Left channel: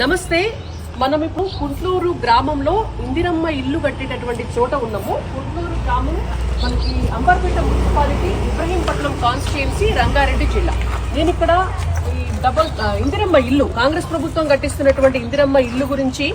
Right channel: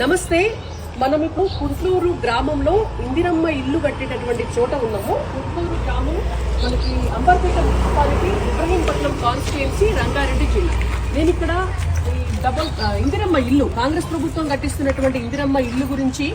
నమస్తే. మనం ఇప్పుడు కుంట్లూరు గ్రామంలో ఇందిరమ్మ ఇల్లు కట్టేటటువంటి చోట ఉన్నాము. కుంట్లూరు గ్రామం మనకి అంబర్పేట మున్సిపాలిటీ, ఇబ్రహీంపట్నం కాన్స్టిట్యుయెన్సీ, రంగారెడ్డి జిల్లా. నేను ఇక్కడ ఇందిరమ్మ ఇల్లు, కాంగ్రెస్ ప్రభుత్వం కట్టిస్తున్నటువంటి ఇందిరమ్మ ఇల్లు గురించి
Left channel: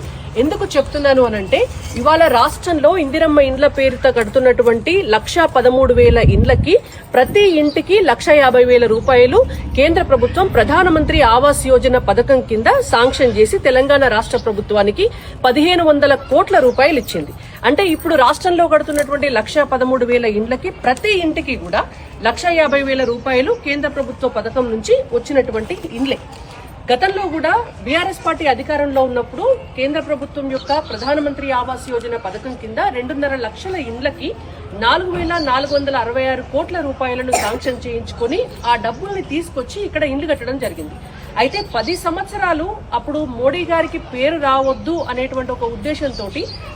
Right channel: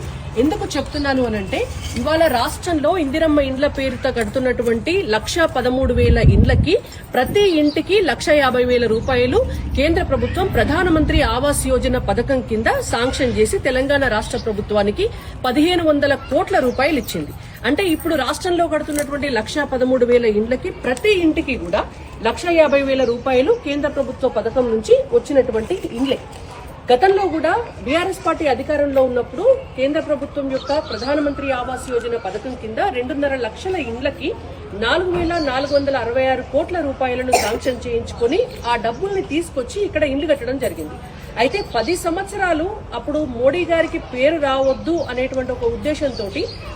ఎందుకు చెప్తున్నాను అనంటే, ఇవాళ రాష్ట్రంలో ఇందిరమ్మ ఇండ్ల పేరుతో కడుతున్నటువంటి 1,13,000 ఇండ్లకి ప్రతి ఇంటికి 1,50,000 రూపాయలు కేంద్ర ప్రభుత్వం ప్రధానమంత్రి ఆవాస్ యోజన పథకం కింద శాంక్షన్ చేసి తెలంగాణ రాష్ట్ర ప్రభుత్వానికి 1,500 కోట్ల రూపాయలు ఇచ్చింది. అంటే ఇప్పుడు రాష్ట్రంలో కడుతున్నటువంటి 1,13,000 ఇండ్లకి ప్రతి ఇంటికి కూడా 1,50,000 రూపాయలు కేంద్ర ప్రభుత్వ పథకం నుంచి వచ్చినటువంటి ఇండ్లే. గతంలో కూడా బీఆర్ఎస్ పార్టీ అధికారంలో ఉన్నప్పుడు కేంద్ర ప్రభుత్వం యొక్క ప్రధానమంత్రి ఆవాస్ యోజన పథకం కింద 2.5 లక్షల ఇండ్లకి 4,466 కోట్ల రూపాయలను శాంక్షన్ చేయించుకుని ఆ డబ్బుల్ని తీసుకొచ్చి ఇక్కడ ఇండ్లు కట్టడం జరిగింది. అయితే 10 సంవత్సరాలు అప్పుడు మోడీ గారికి పేరు రావద్దు అనేటువంటి ఒక ఉద్దేశంతో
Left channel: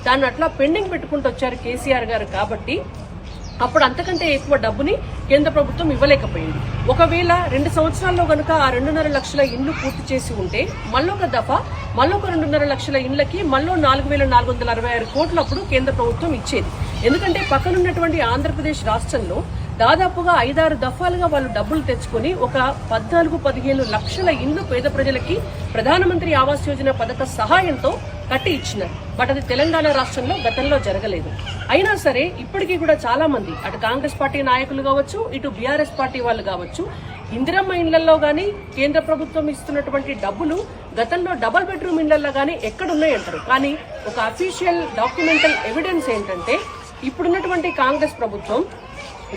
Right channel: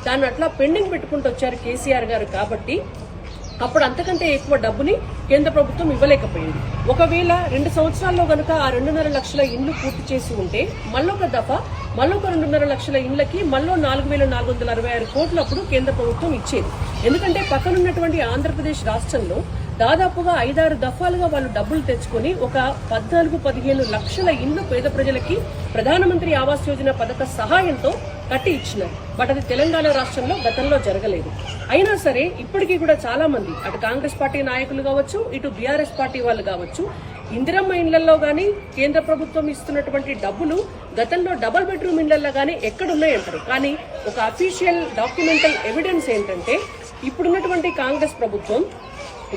దాన్ని అట్లా పెండింగ్ పెట్టుకుంటూ వచ్చారు కేసీఆర్ గారు. కాబట్టి అప్పుడు అంతకంటే ఎక్కువ డబ్బుని కేంద్ర ప్రభుత్వం ఇవ్వలేకపోయింది. ఒకవేళ 2 సంవత్సరాల్లో గనుక ఆ 2.5 లక్షల ఇండ్లు పూర్తి చేసి ఉంటే మళ్ళొక దఫా మళ్ళొక 2.5 లక్షల ఇండ్లకి మళ్ళీ 4,466 కోట్లు అప్పుడు కేంద్ర ప్రభుత్వం ఇచ్చేది. ఎందుకంటే పక్కనున్నటువంటి ఆంధ్రప్రదేశ్ రాష్ట్రంలో దాదాపుగా 5-6 దఫాలుగా వాళ్ళు డబ్బులు తెచ్చుకుని ఒక 14-15 లక్షల ఇండ్లు పేద ప్రజలకి ప్రధానమంత్రి ఆవాస్ యోజన పథక సహాయంతో కట్టి ఇచ్చినారు. బట్ అది తెలంగాణ రాష్ట్రంలో గతంలో జరగలేదు. అయినా సరే ఇప్పటికీ కూడా చాలా మంది, అటు కాంగ్రెస్ పార్టీ నాయకులు కావచ్చు, ఇటు బీఆర్ఎస్ పార్టీ వాళ్ళు కావచ్చు, ఇందిరమ్మ ఇండ్లలో గానీ కేంద్ర ప్రభుత్వం ఇస్తున్నటువంటి డబ్బులు గతంలో డబుల్ బెడ్రూమ్ ఇండ్లలో గానీ ఎక్కడున్నాయంటారు. కానీ ఒక అఫీషియల్ డాక్యుమెంటల్ ఎవిడెన్స్ ఏంటంటే, ఇప్పుడున్నటువంటి కాంగ్రెస్ ప్రభుత్వం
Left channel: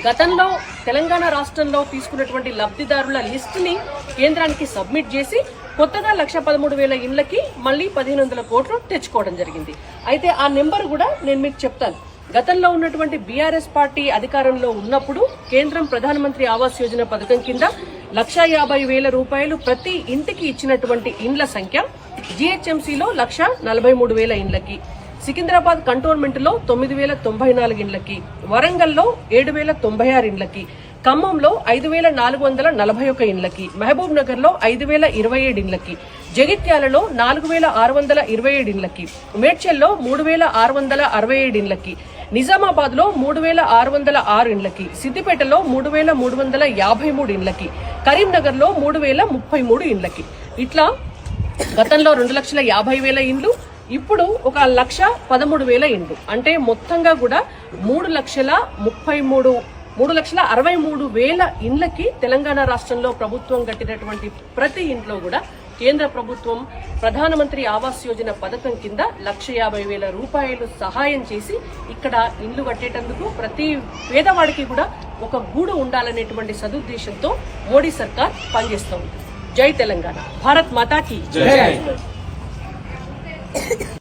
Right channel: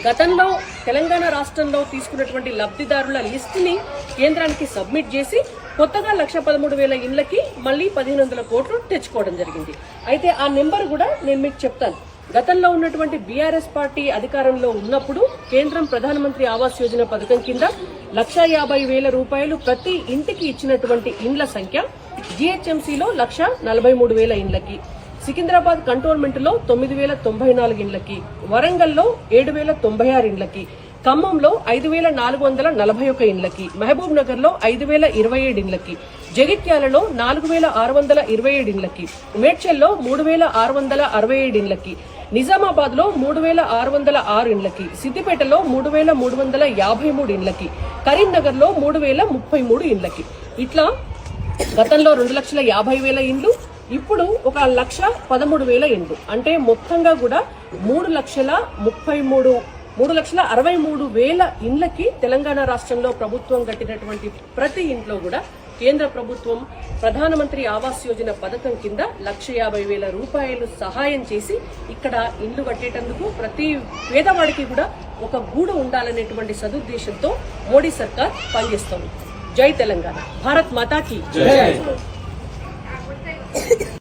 గతంలో తెలంగాణ రాష్ట్రంలో తీసుకున్నటువంటి లబ్దిదారుల లిస్టుని కేంద్రానికి సబ్మిట్ చేసి కొత్తగా 1,13,000 ఇండ్లకి మళ్లీ 1,500 కోట్లు తెచ్చుకోవడం జరిగింది. అయితే ఆ నెంబర్ కూడా నేను మీకు చెప్తాను. గతంలో ఉన్నటువంటి బీఆర్ఎస్ పార్టీ అధికారంలో ఉన్నప్పుడు కేంద్రం ప్రధానమంత్రి ఆవాస్ యోజన పథకం కింద 1,50,000 రూపాయలు ప్రతి ఇంటికి ఇచ్చినటువంటి ఇండ్ల సంఖ్య జీహెచ్ఎంసీలో 1,43,000 ఇండ్లకి, సికింద్రాబాద్ కంటోన్మెంట్ లో 9,094 ఇండ్లకి, వరంగల్లో 7,096 ఇండ్లకి, ఖమ్మంలో 5,441 ఇండ్లకి, మహబూబ్ నగర్ లో 5,027 ఇండ్లకి, జగిత్యాలలో 4,627 ఇండ్లకి, మేడ్చల్లో 3,667 ఇండ్లకి, నిజామాబాద్ లో 3,606 ఇండ్లకి, సిద్దిపేటలో 3,353 ఇండ్లకి, కరీంనగర్ లో 3,033 ఇండ్లకి. ఇట్లా గతంలో 2,50,000 ఇండ్లు, ఇప్పుడు 1,13,000 ఇండ్లు. అంటే మొత్తంగా కూడా 3,63,000 ఇండ్లకి తెలంగాణ రాష్ట్రంలో ప్రభుత్వం కట్టినటువంటి ప్రతి ఇంట్లో కూడా కేంద్ర ప్రభుత్వం ప్రధానమంత్రి ఆవాస్ యోజన పథకం కింద 1,50,000 రూపాయలు సహాయం చేసి ఇక్కడ ఇండ్లు కట్టేటందుకు ప్రతి పేదవాడికి కూడా ఒక గూడు ఉండాలనేటువంటి సదుద్దేశంతో మోడీ సర్కార్ పనిచేస్తోంది. జై తెలంగాణ, భారత్ మాతా కీ జై.